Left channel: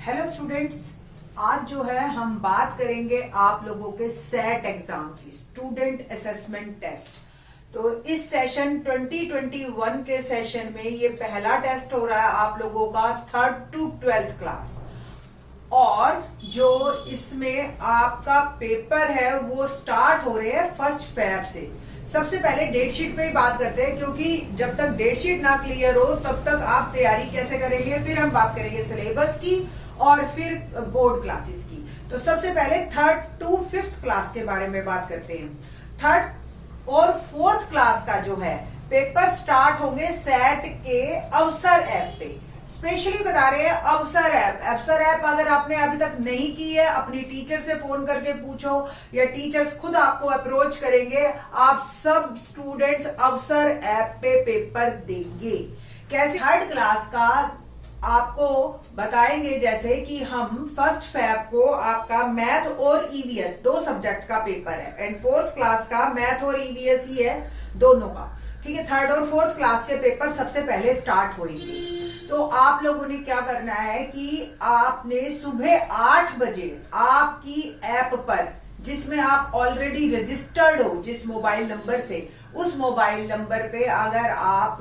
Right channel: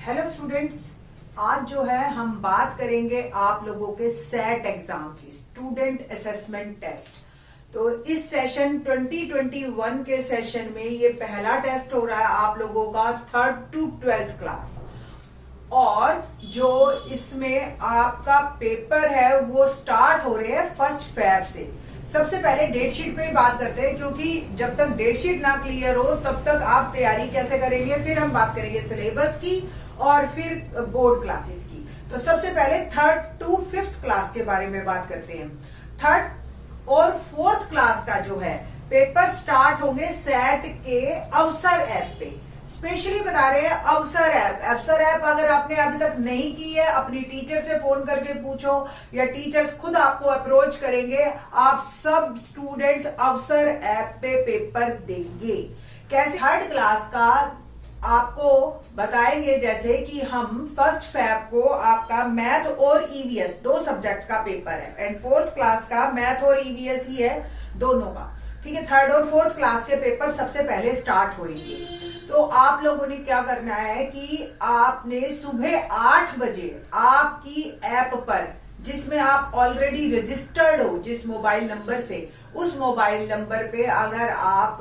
Hello students, आज जो है हम बात करेंगे आप लोगों के सेट एग्जाम की, स्टूडेंट असेसमेंट टेस्ट। तो इस सेशन 2021 के सेशन में ये पहला टेस्ट हो रहा है आप लोगों का 3rd to 12th क्लास, और जो इसमें आपका पेपर है वो स्टार्ट हो रहे हैं 1 फरवरी से। सबसे पहले डेट शीट पे ही बात करते हैं, क्योंकि जब तक डेट शीट ना क्लियर हो तब तक आप तैयारी कैसे करेंगे। फिर हम बात करेंगे सिलेबस की और फिर बोर्ड क्लासेस की। तो सबसे पहले 3rd to 5th क्लास के बारे में बात करते हैं। 3rd और 4th क्लास का जो है पेपर स्टार्ट होंगे सेट के अवसर ऐप पे। स्पेशली बता रहे हैं अवसर ऐप। अवसर ऐप अगर आपने अभी तक नहीं की है, अपनी टीचर से फोन करके पूछो या टीचर्स खुद आपको अप्रोच करेंगे, आप सब स्टूडेंट्स अवसर ऐप पे पेपर देंगे। कैसे 3rd क्लास का आपको बताएंगे, जैसे कि हम 1 फरवरी को आपका मैथ और ईवीएस 2 सब्जेक्ट का पेपर है, एंड 4th क्लास का मैथ और ईवीएस ही है दोनों का। ठीक है, 3rd और 4th क्लास के पेपर सबसे पहले स्टार्ट होंगे। तो आप लोगों ने क्या करना है कि आपने सुबह 8 बजे आपकी ऐप पर, जिसमें आप ऑलरेडी रजिस्टर्ड हो जिस मोबाइल नंबर से, उस मोबाइल नंबर पे अगर आप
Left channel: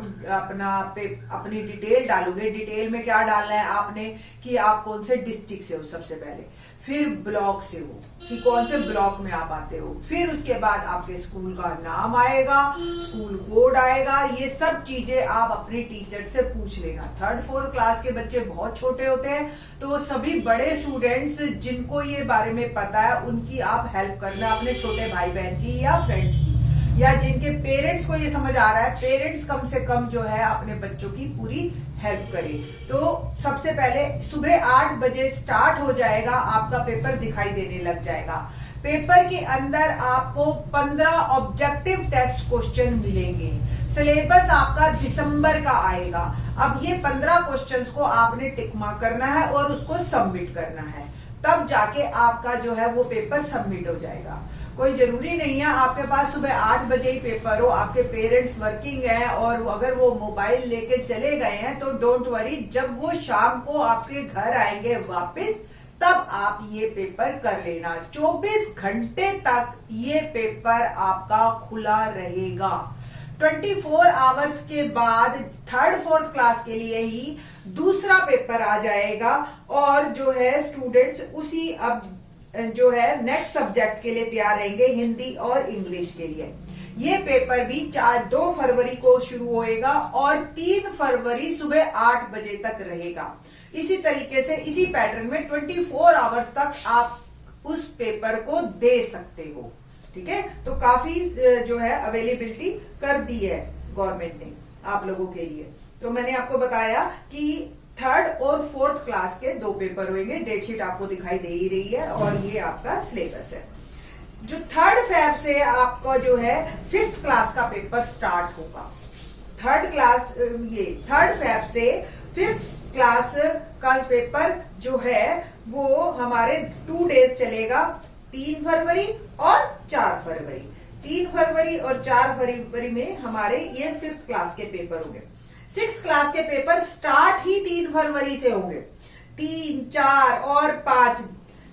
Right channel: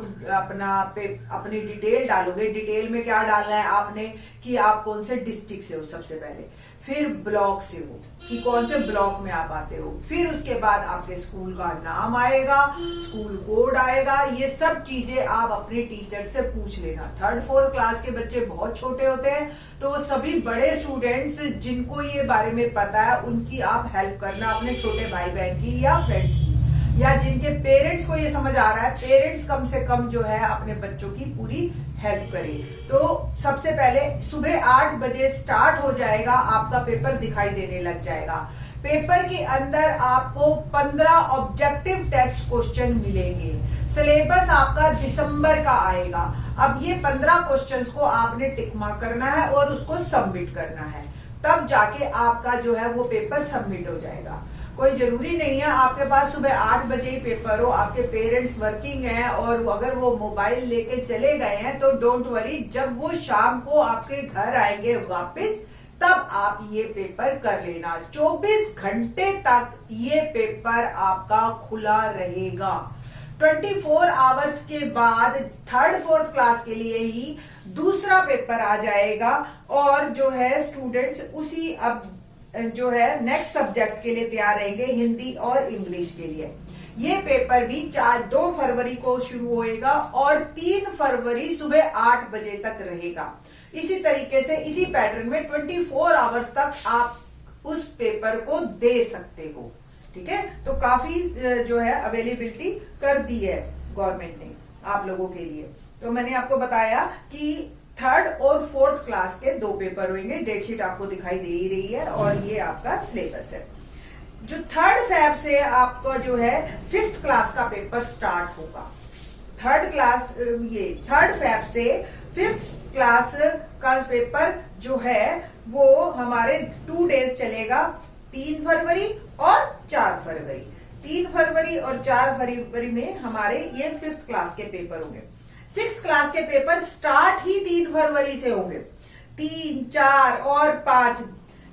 अपनी डिटेल डालोगे। डिटेल में क्या डालना है आपने कि आप कौन से डिस्ट्रिक्ट से हो सबसे पहले, फिर ब्लॉक से हो कि कौन से ब्लॉक में आप आते हो, फिर उसके बाद आपके स्कूल का नाम आएगा, स्कूल कोड आएगा। ये सब चीजें आप अपने टीचर से पूछ लेना। 3rd 4th क्लास के बच्चे बहुत छोटे होते हैं, तो सभी बड़े स्टूडेंट्स जिनको ये बारे में पता है उनकी आप हेल्प करना, अपने छोटे भाई बहन की या फ्रेंड्स की, या जिनके पेरेंट्स को ये समझ आ रहा है, पेरेंट्स कम से कम जो है अपने बच्चों की पूरी हेल्प करें। तो सबसे पहले सुबह 8 बजे स्टार्ट हो जाएगा, आपका पेपर दिखाई देने लग जाएगा। पेपर के अंदर आपको 15 ऑब्जेक्टिव टेस्ट क्वेश्चन मिलेंगे। सिलेबस आपका दिसंबर का आएगा। अब ये 15 क्वेश्चंस को आपने टिक मार्क करना है और उसको सबमिट करना है, तब जाके आपका जो है वो पेपर सबमिट हो जाएगा। कोई जरूरी नहीं है आपके पास सुबह 8 बजे ही पेपर हो, आपके पेरेंट्स वर्किंग हैं और अगर वो मोबाइल लेके चले गए हैं तो डोंट वरी, जब वो शाम को आपके घर आएंगे वापस तब आप ये पेपर कर लेना। 24 घंटे तक ये पेपर आपका खुला रहेगा। 24 आवर्स के बाद 3rd 4th क्लास के लिए ही दूसरा पेपर आ जाएगा, और जो है स्टूडेंट्स उसी अब जो है नेक्स्ट सब्जेक्ट के लिए तैयार रहेंगे, हिंदी और इंग्लिश के लिए। ये पेपर भी 2 फरवरी को शुरू होएगा और 3 फरवरी सुबह 8 बजे तक रहेगा। इसी तरीके से इसी पैटर्न में 24 आवर्स तक आप उस पेपर को दे सकते हो। ठीक है, तो काफी जो है अवेलेबिलिटी कर दी है गवर्नमेंट ने आप लोगों के लिए। तो मैंने आपको बताया कि 3rd और 4th क्लास के 2 पेपर होंगे। डेट शीट आपको दिखाई दे ही रही है, और ये आपका सिलेबस है। जो 3rd फरवरी से आपका जो है 5th क्लास का पेपर स्टार्ट होगा। 3rd फरवरी से 5th क्लास का पेपर जो है वो हमारे 2 डेज चलेगा, 3 फरवरी और 4 फरवरी। 3 फरवरी और 4 फरवरी में हमारे ये 5th क्लास के पेपर होंगे। 6th क्लास के पेपर स्टार्ट ही 3 फरवरी से होंगे। 3, 4 और 5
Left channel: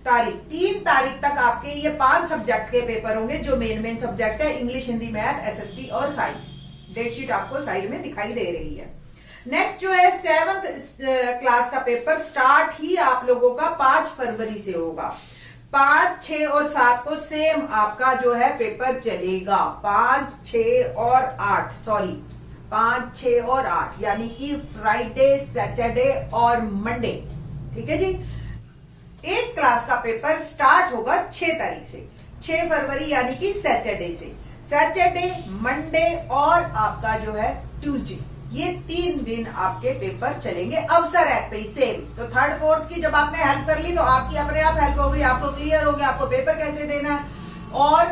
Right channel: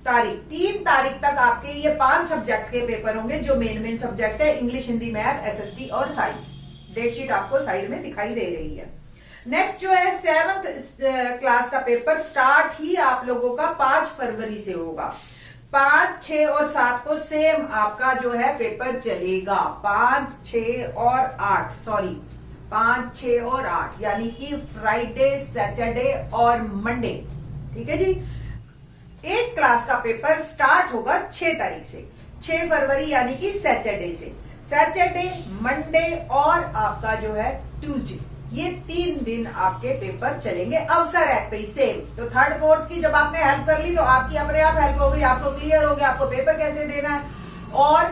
तारीख, 3 तारीख तक आपके ये 5 सब्जेक्ट के पेपर होंगे, जो मेन सब्जेक्ट है इंग्लिश, हिंदी, मैथ, एसएसटी और साइंस। डेट शीट आपको साइड में दिखाई दे रही है। नेक्स्ट जो है 7th क्लास का पेपर स्टार्ट ही आप लोगों का 5 फरवरी से होगा। 5, 6 और 7 को सेम आपका जो है पेपर चलेगा। 5, 6 और 8 यानी कि फ्राइडे, सैटरडे और मंडे। ठीक है जी। 8th क्लास का पेपर स्टार्ट होगा 6 तारीख से, 6 फरवरी यानी कि सैटरडे से। सैटरडे, मंडे और आपका जो है ट्यूसडे, ये 3 दिन आपके पेपर चलेंगे अवसर ऐप पे ही सेम। तो 3rd 4th की जब आपने हेल्प कर ली तो आपकी अपने आप हेल्प हो गई, आपको क्लियर हो गया आपको पेपर कैसे देना है। और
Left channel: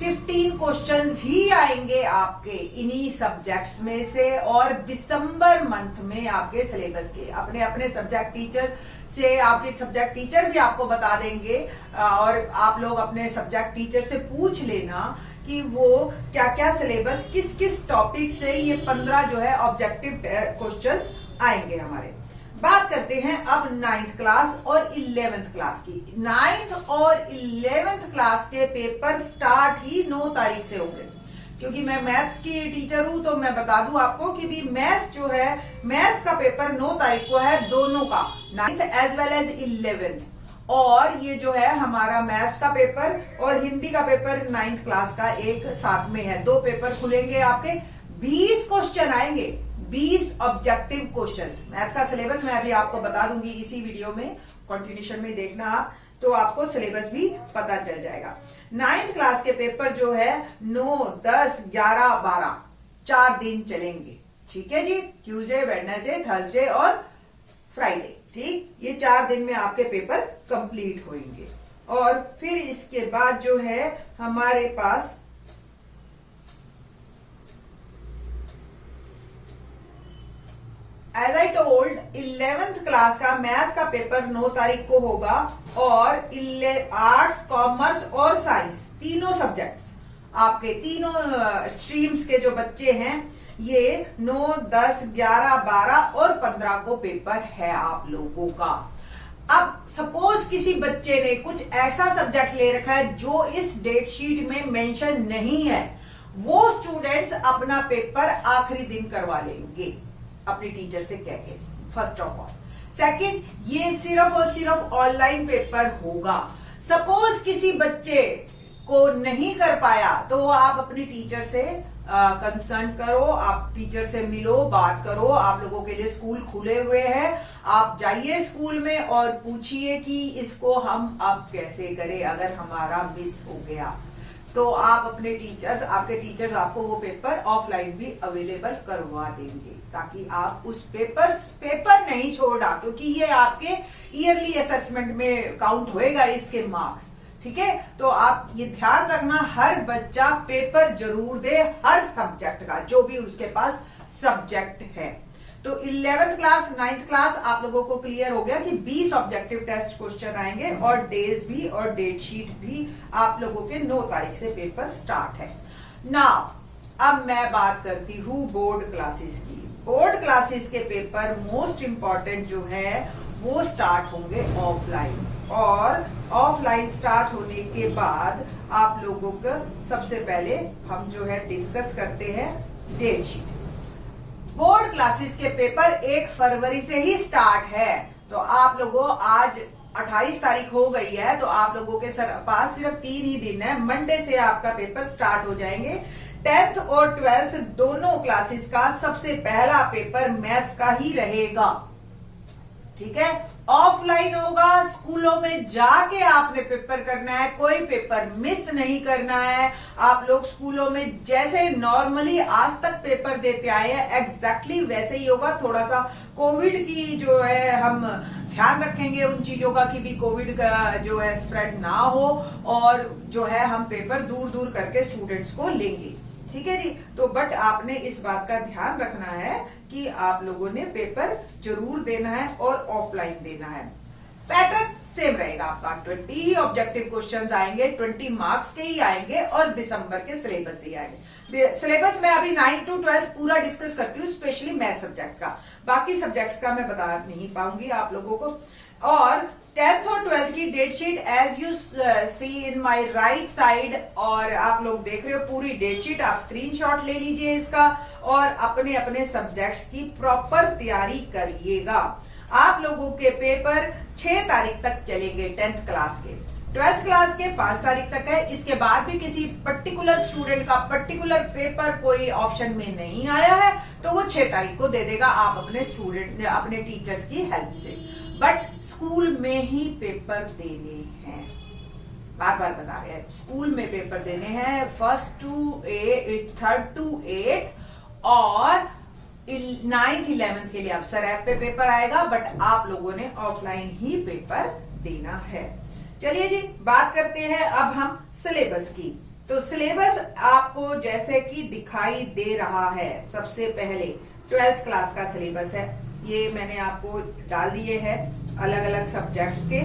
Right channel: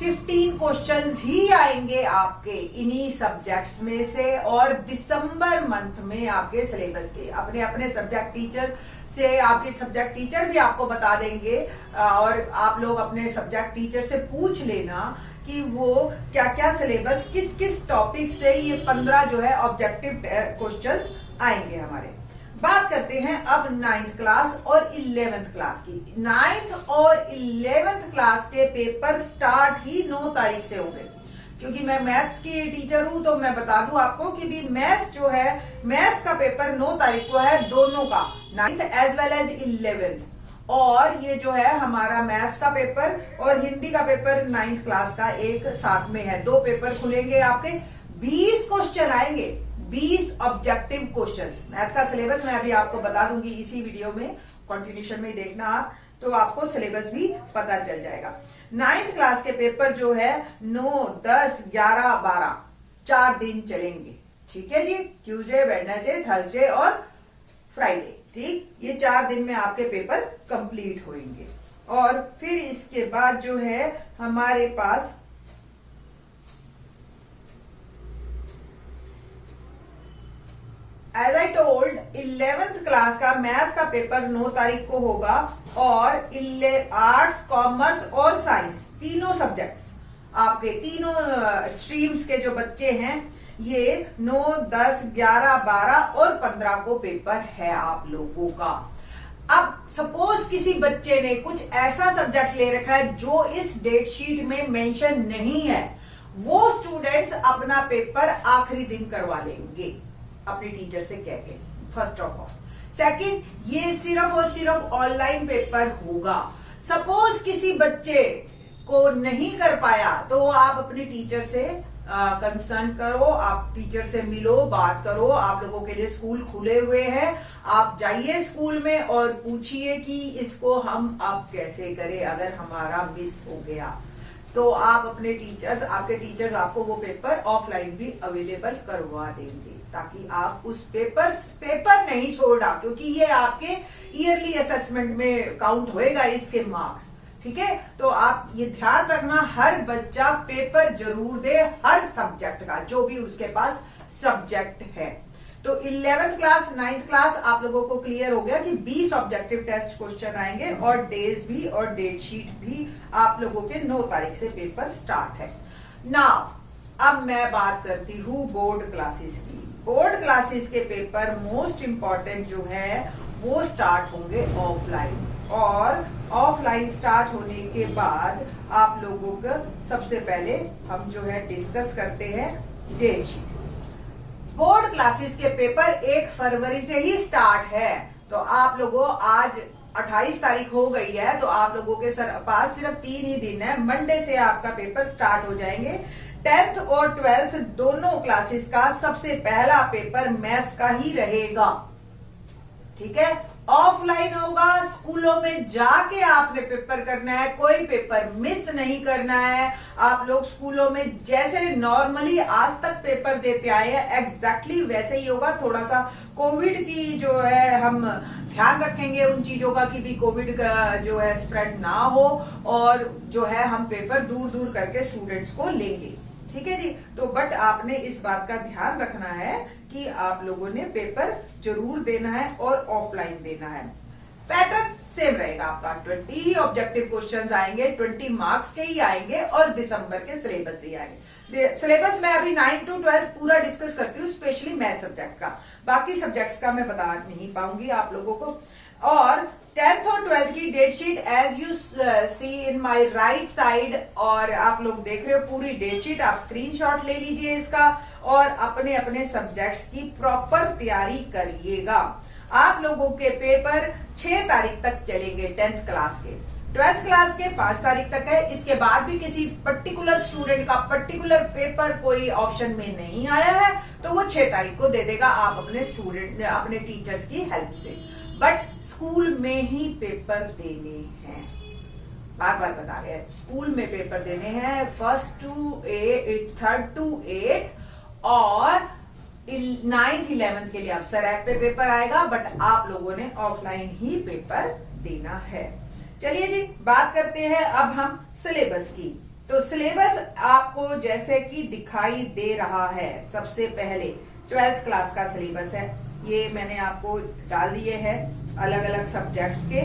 15 क्वेश्चंस ही आएंगे आपके इन्हीं सब्जेक्ट्स में से, और दिसंबर मंथ में आपके सिलेबस के अपने अपने सब्जेक्ट टीचर से, आपके सब्जेक्ट टीचर भी आपको बता देंगे, और आप लोग अपने सब्जेक्ट टीचर से पूछ लेना कि वो क्या क्या सिलेबस किस किस टॉपिक से ये 15 जो है ऑब्जेक्टिव क्वेश्चंस आएंगे हमारे। बात करते हैं अब 9th क्लास और 11th क्लास की। 9th और 11th क्लास के पेपर स्टार्ट ही 9 तारीख से होंगे। क्योंकि मैं मैथ्स की टीचर हूं तो मैं बता दूं आपको कि भी मैथ्स जो है, मैथ्स का पेपर 9 तारीख को है, दोनों का, 9th as well as 11th। और ये जो है हमारा मैथ्स का पेपर और हिंदी का पेपर 9th क्लास का एक साथ में है। 2 पेपर खुलेंगे आपके, 20 क्वेश्चन आएंगे, 20 ऑब्जेक्टिव क्वेश्चंस। मैथ का सिलेबस मैं अभी आपको बता दूंगी इसी वीडियो में, कंटिन्यूशन में देखना आप, तो आपको सिलेबस भी पता चल जाएगा। 9th क्लास के पेपर जो है 9, 10, 11, 12 4 दिन चलेंगे। ठीक है जी, ट्यूसडे, वेडनेसडे, थर्सडे और फ्राइडे। ठीक, ये 4 दिन में आपके पेपर कंप्लीट होंगे। और फिर इसके बाद जो है हमारे पास as I told 11th class का मैथ का पेपर 9 तारीख को होगा और आर्ट्स, कॉमर्स और साइंस तीनों सब्जेक्ट्स आपके, तीनों स्ट्रीम्स के जो बच्चे हैं, ये 9, 10, 11, 12 और 15 को पेपर है आप लोगों का। अब सपोज किसी बच्चे ने कुछ ऐसा सब्जेक्ट ले रखा है जो इस डेट शीट में मेंशन नहीं है, वो स्टूडेंट्स अपना पेपर आखिरी दिन करवा लेंगे अपनी टीचर से कह के, फर्स्ट ऑफ ऑल। सेकंड, ये सिर्फ और सिर्फ ऑनलाइन पेपर होगा। सपोज किसी बच्चे को नहीं कर पाया तो आप अपनी टीचर से कंसर्न करो, आप टीचर से मिलो, बात करो। आप लोगों के लिए स्कूल खुले हुए हैं, आप जाइए स्कूल में और पूछिए कि इसको हम अब कैसे करें अगर हमारा मिस हो गया। तो आप अपने टीचर्स, आपके टीचर्स आपको वो पेपर ऑफलाइन भी अवेलेबल करवा देंगे, ताकि आप उस पेपर नहीं छोड़ा, क्योंकि ये आपके ईयरली असेसमेंट में काउंट होएगा इसके मार्क्स। ठीक है, तो आप ये ध्यान रखना, हर बच्चा पेपर जरूर दे, हर सब्जेक्ट का, जो भी उसके पास सब्जेक्ट है। तो 11th क्लास, 9th क्लास आप लोगों को क्लियर हो गया कि 20 ऑब्जेक्टिव टेस्ट क्वेश्चन आएंगे और डेज भी और डेट शीट भी आप लोगों के 9 तारीख से पेपर स्टार्ट है। नाउ अब मैं बात करती हूँ बोर्ड क्लासेस की। बोर्ड क्लासेस के पेपर मोस्ट इंपॉर्टेंट जो है वो स्टार्ट होंगे ऑफलाइन, और ऑफलाइन स्टार्ट होने के बाद आप लोगों का सबसे पहले हम जो है डिस्कस करते हैं डेट शीट। बोर्ड क्लासेस के पेपर 1 फरवरी से ही स्टार्ट है, तो आप लोगों, आज 28 तारीख हो गई है, तो आप लोगों के पास सिर्फ 3 ही दिन है। मंडे से आपका पेपर स्टार्ट हो जाएंगे। 10th और 12th दोनों क्लासेस का सबसे पहला पेपर मैथ्स का ही रहेगा। ठीक है, ऑफलाइन होगा, स्कूलों में जाके आपने पेपर करना है, कोई पेपर मिस नहीं करना है। आप लोग स्कूलों में जैसे नॉर्मली आज तक पेपर देते आए हैं एग्जैक्टली वैसे ही होगा। थोड़ा सा कोविड की जो है हम ध्यान रखेंगे उन चीजों का कि भी कोविड का जो है स्प्रेड ना हो, और जो है हम पेपर दूर दूर करके स्टूडेंट्स को लेंगे। ठीक है जी, तो बट आपने इस बात का ध्यान रखना है कि आप लोगों ने पेपर जरूर देना है और ऑफलाइन देना है। पैटर्न सेम रहेगा आपका, 20 ही ऑब्जेक्टिव क्वेश्चंस आएंगे, 20 मार्क्स के ही आएंगे और दिसंबर के सिलेबस से ही आएंगे। सिलेबस में अभी 9 to 12 पूरा डिस्कस करती हूँ, स्पेशली मैथ सब्जेक्ट का, बाकी सब्जेक्ट्स का मैं बता नहीं पाऊंगी आप लोगों को। और 10th और 12th की date sheet as you see in my right side, और आप लोग देख रहे हो पूरी डेट शीट, आप स्क्रीनशॉट ले लीजिए इसका और अपने अपने सब्जेक्ट्स की प्रॉपर तैयारी करिएगा। आप लोगों के पेपर 6 तारीख तक चलेंगे 10th क्लास के, 12th क्लास के 5 तारीख तक है। इसके बाद भी किसी पर्टिकुलर स्टूडेंट का पर्टिकुलर पेपर कोई ऑप्शन में नहीं आया है तो वो 6 तारीख को दे देगा, आप अपने स्टूडेंट, अपने टीचर्स की हेल्प से। बट स्कूल में ही पेपर देने हैं, बार बार बता रहे हैं, स्कूल में पेपर देने हैं, 1st to 3rd to 8th और 9th 11th के लिए अब सरैप पे पेपर आएगा, बट आप लोगों ने ऑफलाइन ही पेपर देना है। चलिए जी, बात करते हैं अब हम सिलेबस की। तो सिलेबस आपको जैसे कि दिखाई दे रहा है, सबसे पहले 12th क्लास का सिलेबस है, ये मैंने आपको डाल दिए हैं अलग अलग सब्जेक्ट्स के।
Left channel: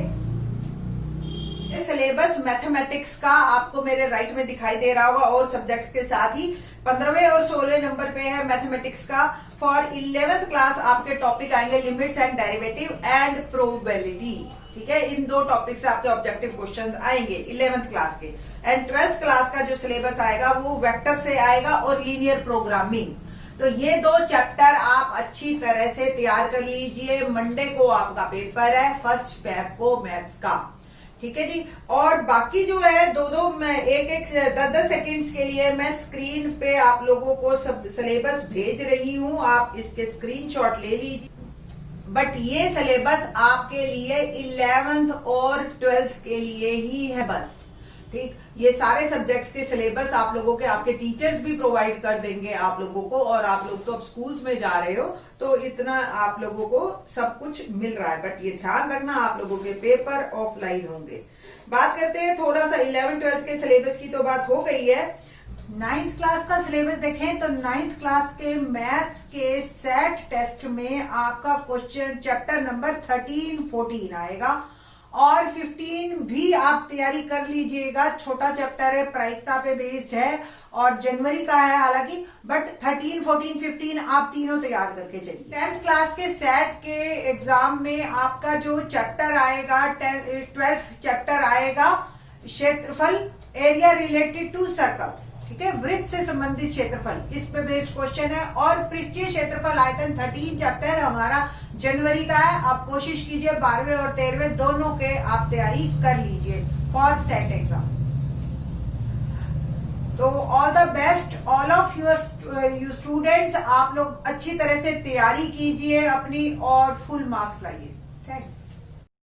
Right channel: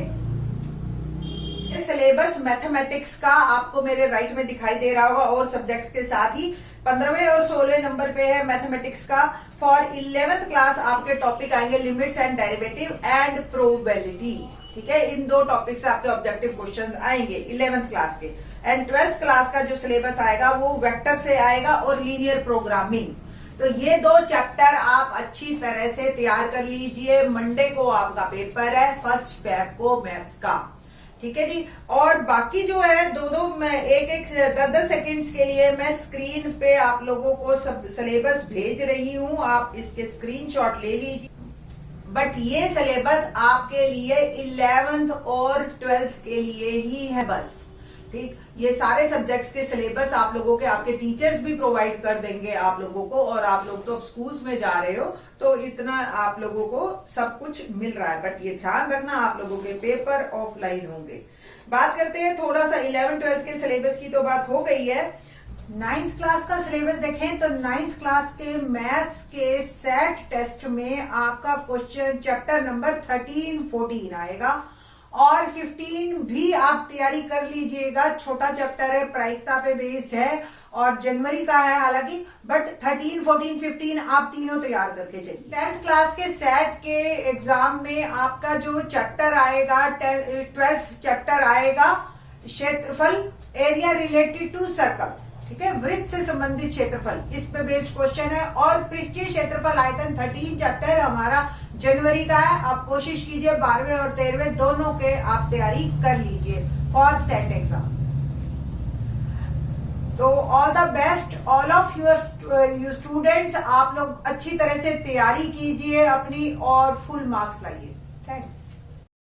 सिलेबस मैथमेटिक्स का आपको मेरे राइट में दिखाई दे रहा होगा, और सब्जेक्ट के साथ ही 15वें और 16वें नंबर पे है मैथमेटिक्स का फॉर 11th क्लास आपके टॉपिक आएंगे limits and derivative and probability. ठीक है, इन दो टॉपिक से आपके ऑब्जेक्टिव क्वेश्चंस आएंगे 11th क्लास के। एंड 12th क्लास का जो सिलेबस आएगा वो वेक्टर से आएगा और लीनियर प्रोग्रामिंग। तो ये दो चैप्टर आप अच्छी तरह से तैयार कर लीजिए। मंडे को आपका पेपर है 1 फेब को मैथ्स का। ठीक है जी। और बाकी जो है दो मैं एक 10 सेकेंड्स के लिए मैं स्क्रीन पे आप लोगों को सब सिलेबस भेज रही हूं, आप इसके स्क्रीनशॉट ले लीजिए। बट ये सिलेबस आपके लिए 11th और 12th के लिए ही है बस। ठीक, ये सारे सब्जेक्ट्स के सिलेबस आप लोगों के आपके टीचर्स भी प्रोवाइड कर देंगे आप लोगों को, और आप लोग तो अब स्कूल्स में जा रहे हो तो इतना आप लोगों को सब कुछ मिल रहा है। बट ये ध्यान रखना आप लोगों के पेपर ऑफलाइन होंगे। बात करते हैं थोड़ा सा 11th-12th के सिलेबस की, तो बात हो गई है। 9th क्लास का सिलेबस देखें तो 9th क्लास के मैथ्स के सेट टेस्ट में आपका क्वेश्चन चैप्टर नंबर 13-14 आएगा, और 15 भी आप तैयारी कर लीजिएगा। छोटा चैप्टर है, प्रायिकता पे बेस्ड है और जनवरी का है हालांकि, बट 13, 14, 15 आप तीनों तैयार करके चलिए। 10th क्लास के सेट के एग्जाम में आपका जो चैप्टर आएगा 12th चैप्टर आएगा क्षेत्रफल, एरिया रिलेटेड टू सर्कल्स। ठीक है, वृत्त से संबंधित क्षेत्रफल, इस पे बेस्ड क्वेश्चन है। और पृष्ठीय क्षेत्रफल आयतन 13 चैप्टर हमारा जनवरी का है। आप कोशिश कीजिए 12वें और 13वें दोनों के आप तैयारी कर लीजिए फॉर सेट एग्जाम। तो all the best all of your students, आप लोग अच्छी तरह से तैयारी कीजिए अपनी और फुल मार्क्स लाइए। थैंक्स।